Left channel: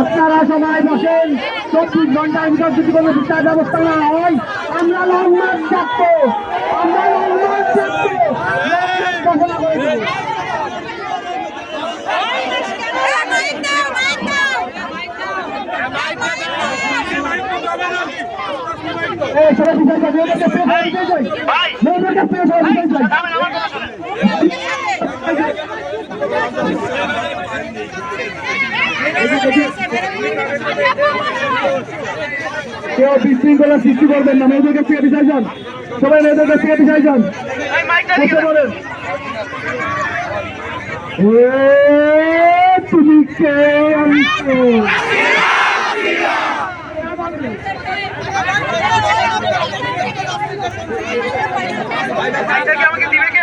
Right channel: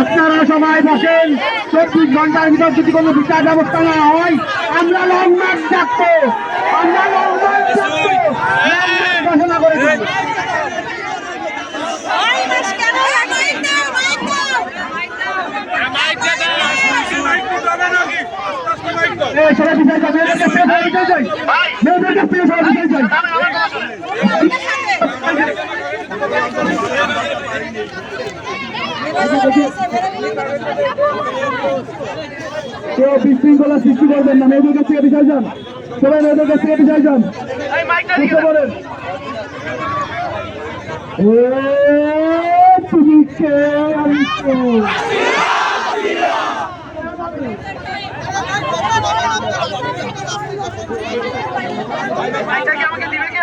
আপনারা সবাই বসেন। চব্বিশ ঘণ্টার ভিতর যদি কোনো বিচার ব্যবস্থা না হয়, আমরা লং মার্চ ডাকবো আমরা লং মার্চ ডাকবো লং মার্চ ঘোষণা করে দেবো ওই মাস কেন লাগে এই সবাই বিচার চাই বিচার চাই বিচার চাই মেয়েদের কাছ থেকে বিচার যান সবাই মেয়েদের কাছ থেকে বিচার বসে পড়েন। এ, তুমি কে আমি কে?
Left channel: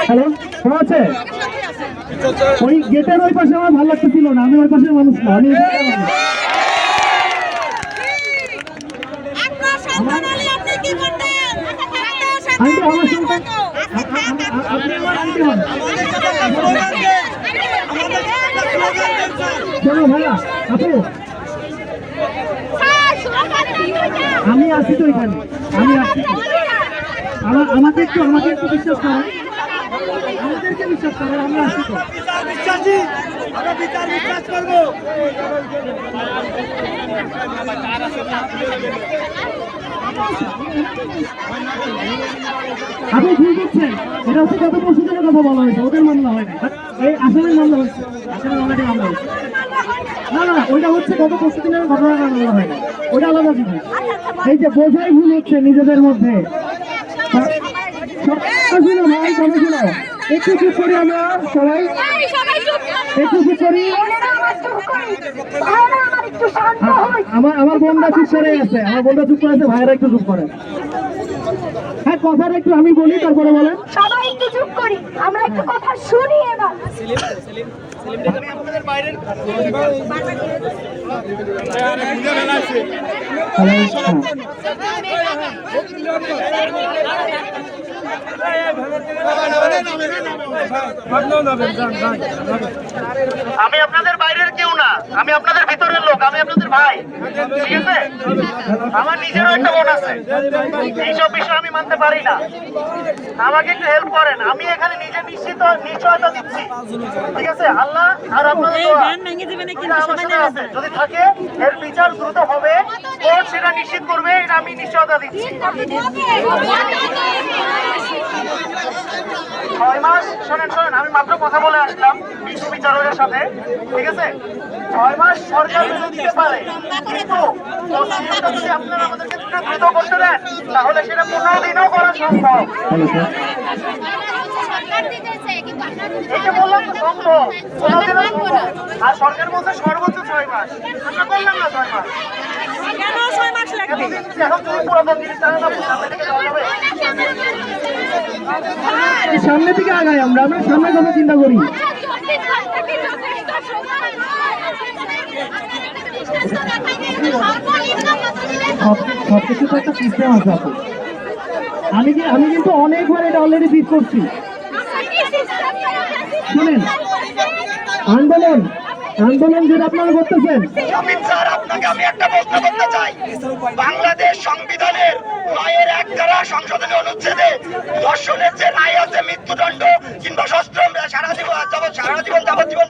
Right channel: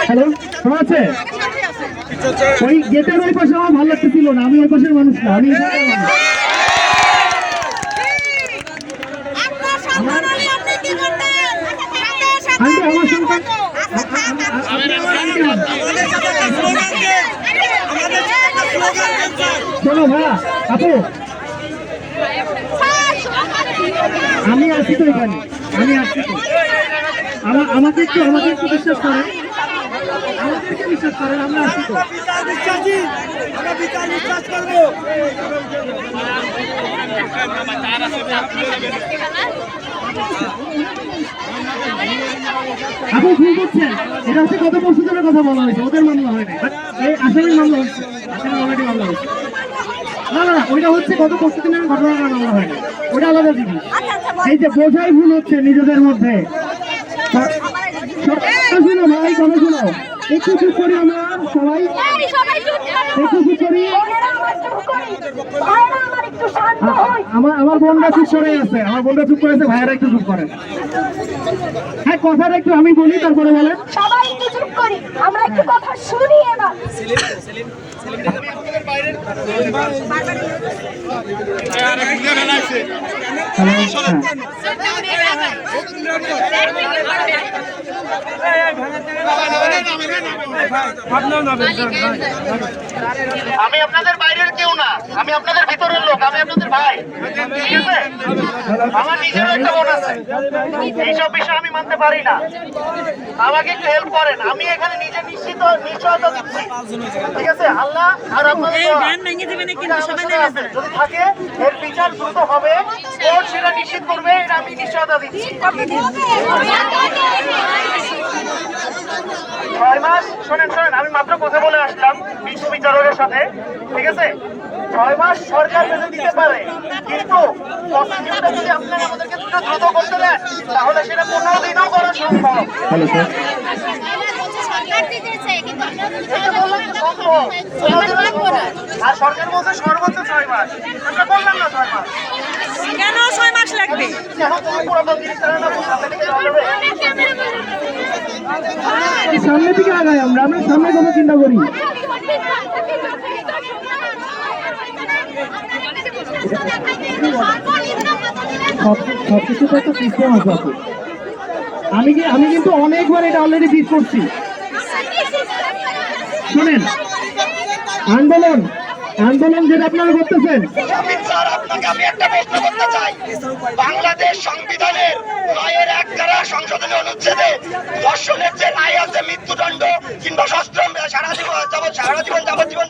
হ্যালো শোনা আছে? ওই গেটের ওই পাশে আমার ভালো লাগতেছিল না আমি ওই পাশের মানুষ না আমি আমার সন্তান আপনি আমার আন্টি হন চলো ভাইয়া আপু। আমি আছি তো এখানে। আমি আমার আমাকে একটু আমাকে একটু বিশ্বাস করেন। আমাদেরকে বিশ্বাস করেন আমরা আসছি তো। আপনি ভুল করছেন। এটা হচ্ছে গত পরশু দিনের কথা বলা হয়েছে, ওদের মামলা হয়নি এই আসামের মামলা হচ্ছে, আসামের অলরেডি মামলা হচ্ছে। না না ওইটা হচ্ছে গত পরশু দিনের ঘটনাটার মামলা হয় না ওটা আলাদা জিনিস। এই যে বোঝাই ভুল হচ্ছে নিজেদের মধ্যে স- স- শুনো ভাই কথা শুনো একটু চুপ করি আমরা সবাই একটু চুপ করি। আমার আমার বোনটা চুপ করে আছে আমার বোনটা চুপ করে আছে ভাইয়েরা একটু চুপ করেন হ্যাঁ কথাটা একটু আমি বলি তারপরে বলেন। সবাই একটু চুপ করি। আমরা একটু কথা শুনি এবার। আমি আপনাদের বাইরের কেউ না আমি আপনাদের ভিতরের লোক আমি আপনাদের ভাই। ঠিক আছে? আমার নিজেরও একটা বোন আছে। এইসব বিষয় আমি মানতে পারি না। আমাকে একটু হেল্প করেন। আমি এখানে নিজে নিশ্চিত নিশ্চয়তা দিচ্ছি। ঠিক আছে? আল্লাহ আর আপনাদের। যদি থাকে এর বিচার দ্রুত হবে। কোর্ট সেটা নিশ্চিত করবে এটা আমি নিশ্চয়তা দিচ্ছি। ছয় মাস শোনেন শোনেন আমি মাত্র কথা বলে আসলাম বিশ্ব বিচারকের সাথে ঠিক আছে? ছয় মাস সরকার বেঁধে দিতে পারে কিন্তু প্রসিডিউরটা যদি আপনারা আমাদেরকে দ্রুত করতে দেন তাহলে সেটা পনেরো দিনও করা সম্ভব। যে বললাম তো সম্ভব আর সরকার বলছে সর্বোচ্চ ছয় মাস। বললাম না ছয় মাস? কেন ছয় মাস লাগবে? সামনে থেকে আগাই আমরা আমরা সামনের কথা চিন্তা করি আমি কি আমি কিন্তু অনেকবার এটা অলরেডি বিট করছি। শুনেন। আন্দোলন। আন্দোলন যেটা আপনারা করতেছেন। আপনাকে আমি একটা প্রশ্ন করতে চাই। বাংলাদেশ সংবিধানের নয়ের এক ধারা সংশোধনী অনুচ্ছেদে ধর্ষণের যে রায় আছে মৃত্যুদণ্ড কিংবা সারা জীবন যাবৎ সারা জীবন যাবজ্জীবন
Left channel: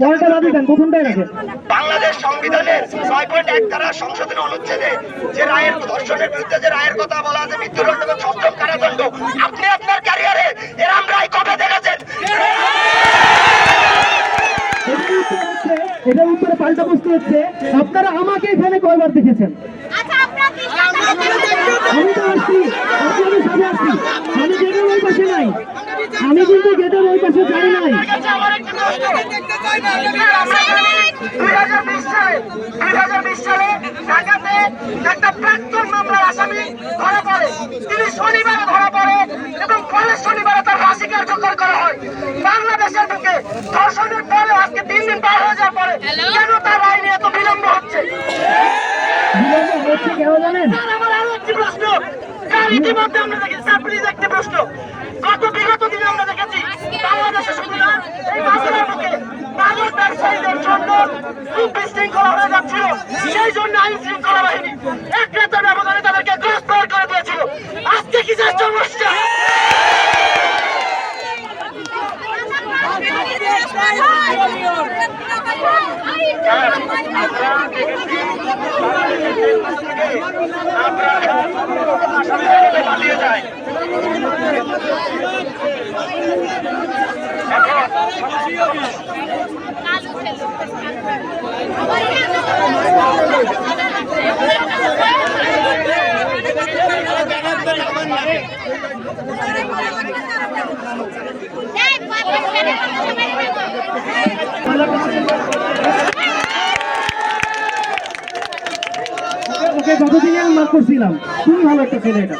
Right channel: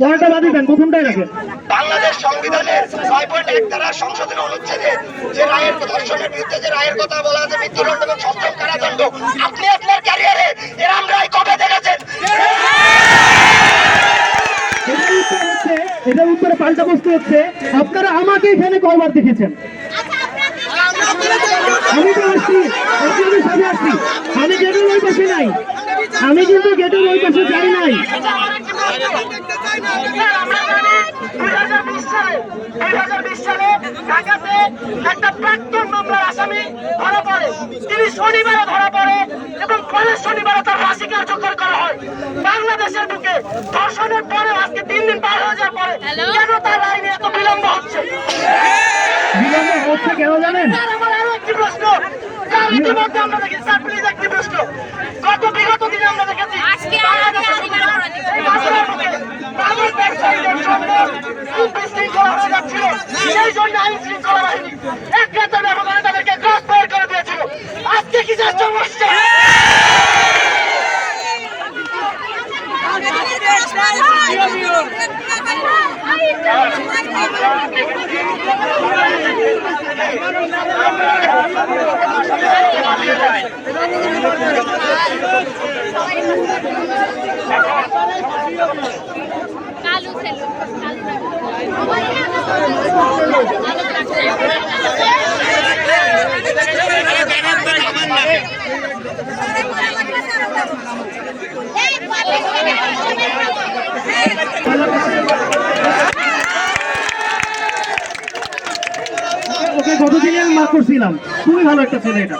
বাংলাদেশ সংবিধানের ছয় পয়েন্ট এক ধারা সংশোধনী অনুচ্ছেদে যে রায়ের ধর্ষণের বিরুদ্ধে যে রায়ের কথা বলা আছে মৃত্যুদণ্ড এবং সশ্রম কারাদণ্ড আপনি আপনার ক্যারিয়ারে এরাম রায় কবে দেখেছেন এটার উত্তর হচ্ছে এটার উত্তরে পাল্টা প্রশ্ন হচ্ছে আপনারা আমাকে এখানে কয়বার দেখেছেন? আমি তো আসছি আপনাদের সাথে আসছি। আমি গেটের ওই পাশে নাই। আমি কিন্তু গেটের ওই পাশে যাই নাই। দুই হাজার বিশ সালে দুই হাজার বিশ সালে ঢাকাতে একটা প্রাক্তন মামলার আসামি ধরা পড়ে তিনি শনিবারে ধরা পড়ে এবং পরের শনিবারে তার ফাঁসি কার্যকর করা হয়। বাংলাদেশের বুকে ধর্ষণের পরে পার হয়ে যাওয়ার পরে কেন তার আইনে এত বিলম্ব হচ্ছে হচ্ছে কেন জানেন? আমার আরও একটি প্রশ্ন। ইতিমধ্যে আমরা দেখেছি স্যার প্লিজ একটি প্রশ্ন। গত বিগত দিনে আমরা দেখেছি বাংলাদেশের সুবিধা এই বাংলার বুকে মাদক ব্যবসায়ীদের জন্য খুব বিশৃঙ্খলা হয়ে যাচ্ছিল। সেই জন্য আইন শৃঙ্খলা বাহিনী এক রাতের ব্যবধানে তাদেরকে ক্রস ফায়ার করে দিয়েছিল। আজকে কি যে সমস্যা আমরা দেখেছি আমরা আসামিদেরকে পালিয়ে যাই এখন ওকে গতদিনে আমি মার্ক করছিলাম? খুবই ভালো একটা ছেলে এটা।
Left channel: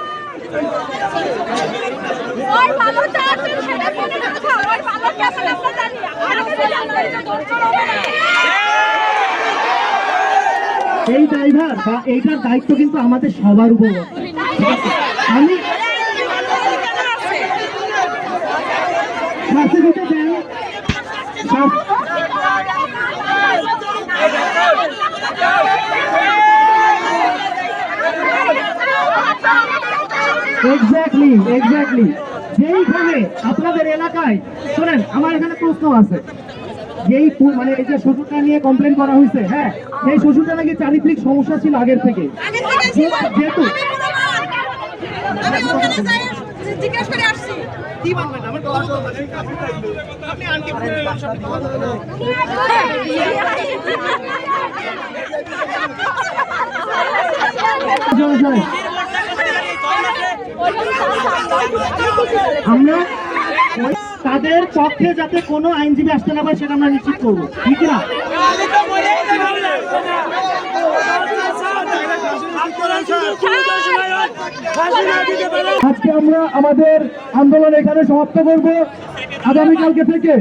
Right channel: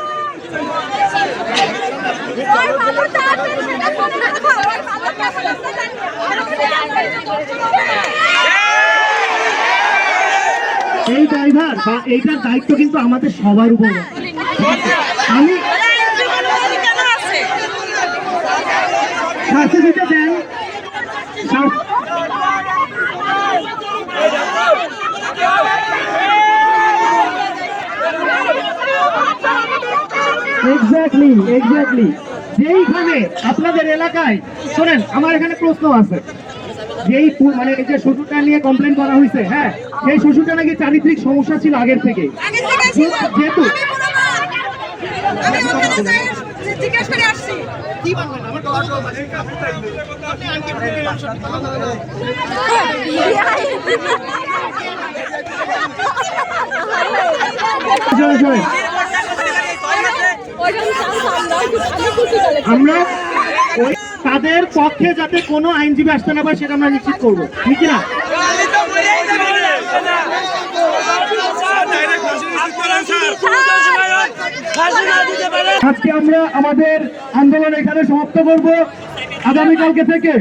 এই ড্রাইভার বা এইটার দায়িত্ব কিন্তু আমাদের সবার উপর। আমি দেন এক্স্যাক্টলি এক্স্যাক্টলি যেইখানে আপনাদের এলাকায় শোনেন আমার এখানে প্রশ্ন আছে যেই মানে এই যে শ্বশুরটা নিয়ে কমপ্লেন করা হয়েছে হ্যাঁ সেই শ্বশুরটা নাকি চারিত্রিক সমস্যা ছিল আগের থেকে যেহেতু আমরা তাদের পক্ষে যাতে কোনো আইনজীবী আসতে না পারে সেটা আমরা নিশ্চিত করব। ঠিক না আজকে আমরা আমাদের আন্দোলন এখানে সমাপ্ত করব। আগামীকালকে থেকে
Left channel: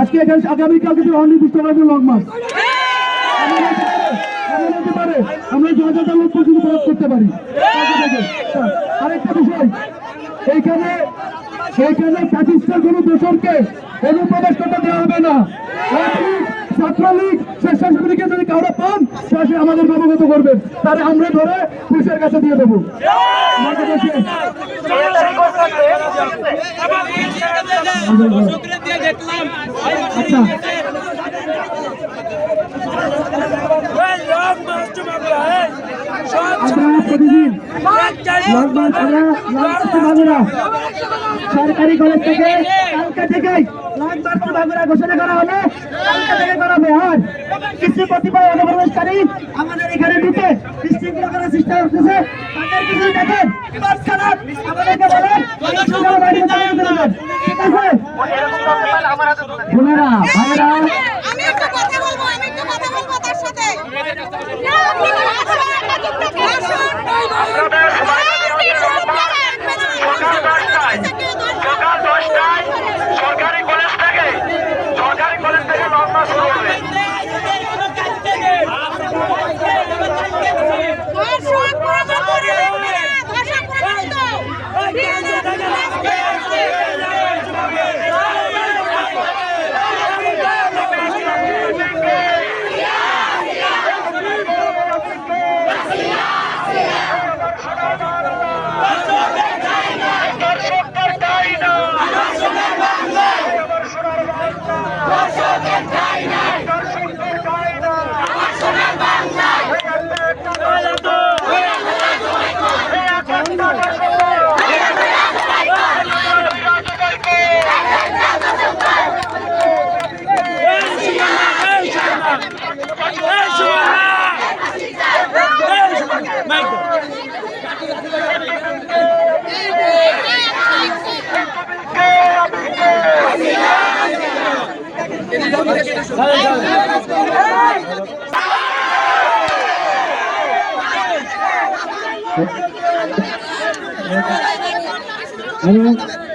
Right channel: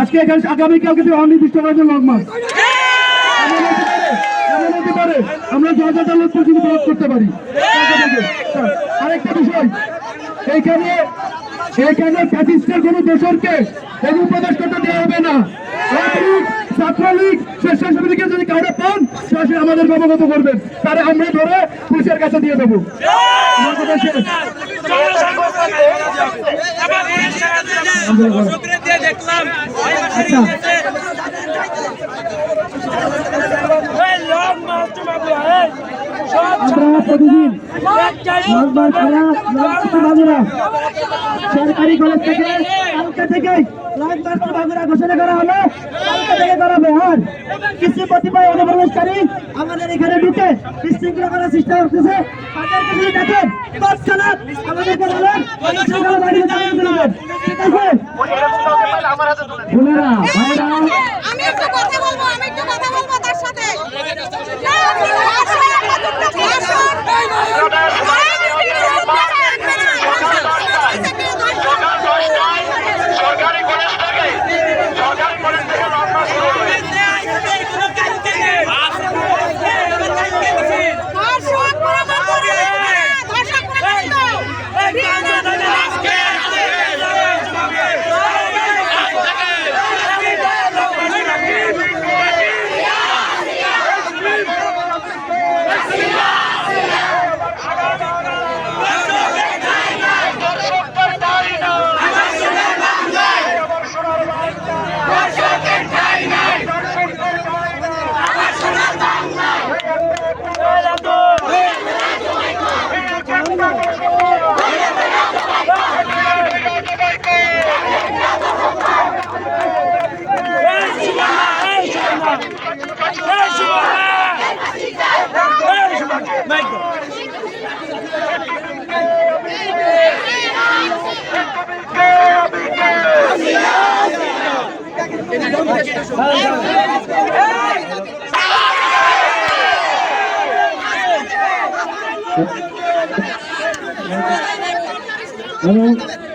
আজকে এখানে আগামীকালকে থেকে অনির্দিষ্টভাবে লং মাস। এমন হতে পারে, এমন হতে পারে, আমরা জজ আদালত পর্যন্ত প্রয়োগ করতে পারি। আরেকটা বিষয় এইখানে এইখানে ফ্যাসিস্টের কোনো দোষরকে অনুপ্রবেশটা দেওয়া হবে না। ছাত্রলীগ স্বেচ্ছাসেবীকে যদি কাউরে পান সরাসরি আমাদের অবগত করবেন তাহলে আমরা ধরে পুলিশের কাছে দিয়ে দেবো। প্রতিদিন ছাড়া বাবুরা সরকারি কলেজ থেকে কালকে থেকে বাবুরা ঘোষণা করা হলো কালকে থেকে কিছু কতিপয় অনুপ্রবেশকারী আমাদের এখানে ঢুকে বিশৃঙ্খলা করার চেষ্টা করতেছে। দেখেন তৎক্ষণাৎ আমাদেরকে বিশৃঙ্খলা বাড়িয়ে ঠিক আছে আমার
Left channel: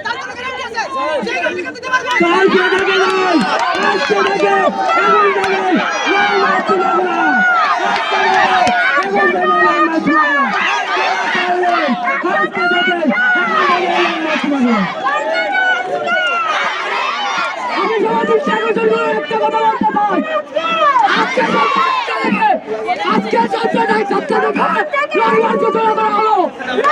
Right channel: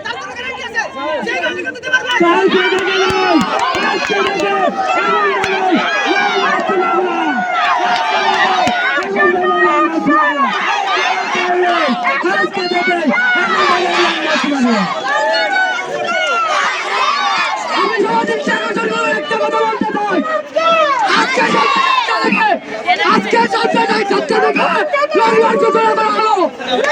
তার কোনো গ্যারান্টি আছে? সেই গ্যারান্টি দিতে পারবে। 来来来，就 yang.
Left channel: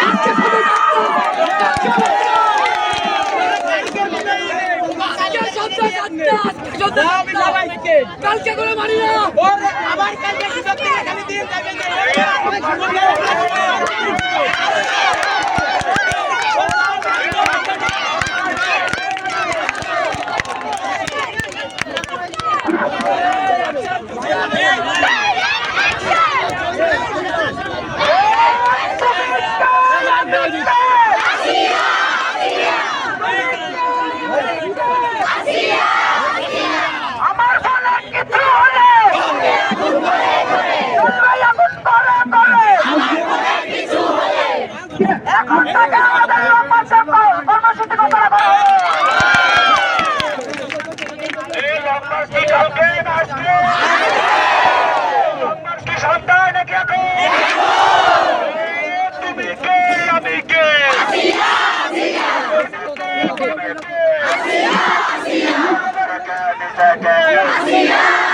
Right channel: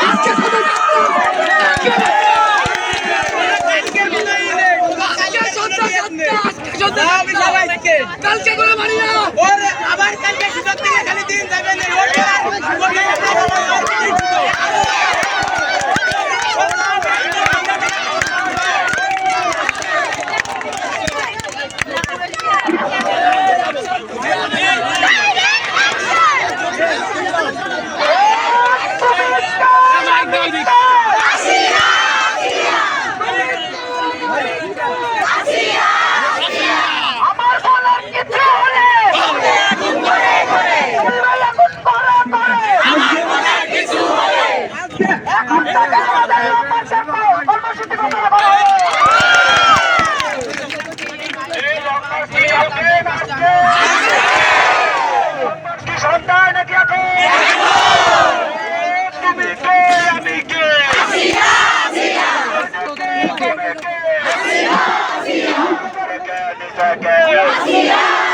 Así es,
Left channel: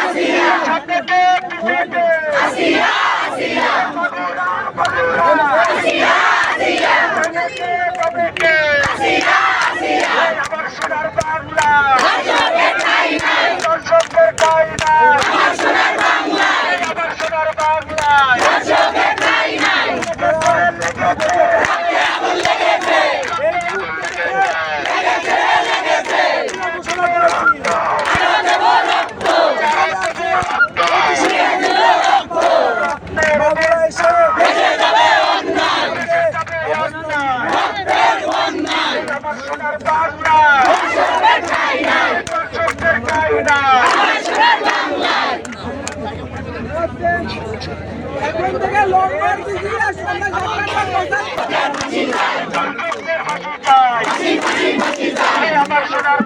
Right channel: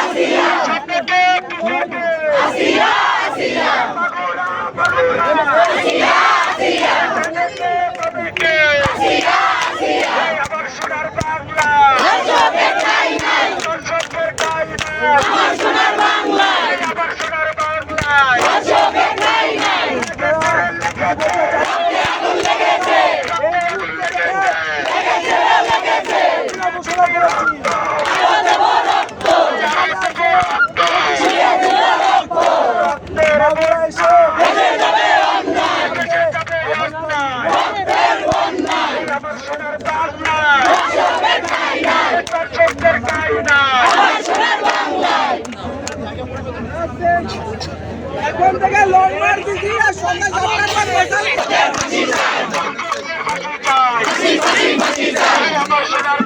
así es. Robert এখন থেকে লোকবার দিদি আর সন্ধ্যা সরকার আমার সোনার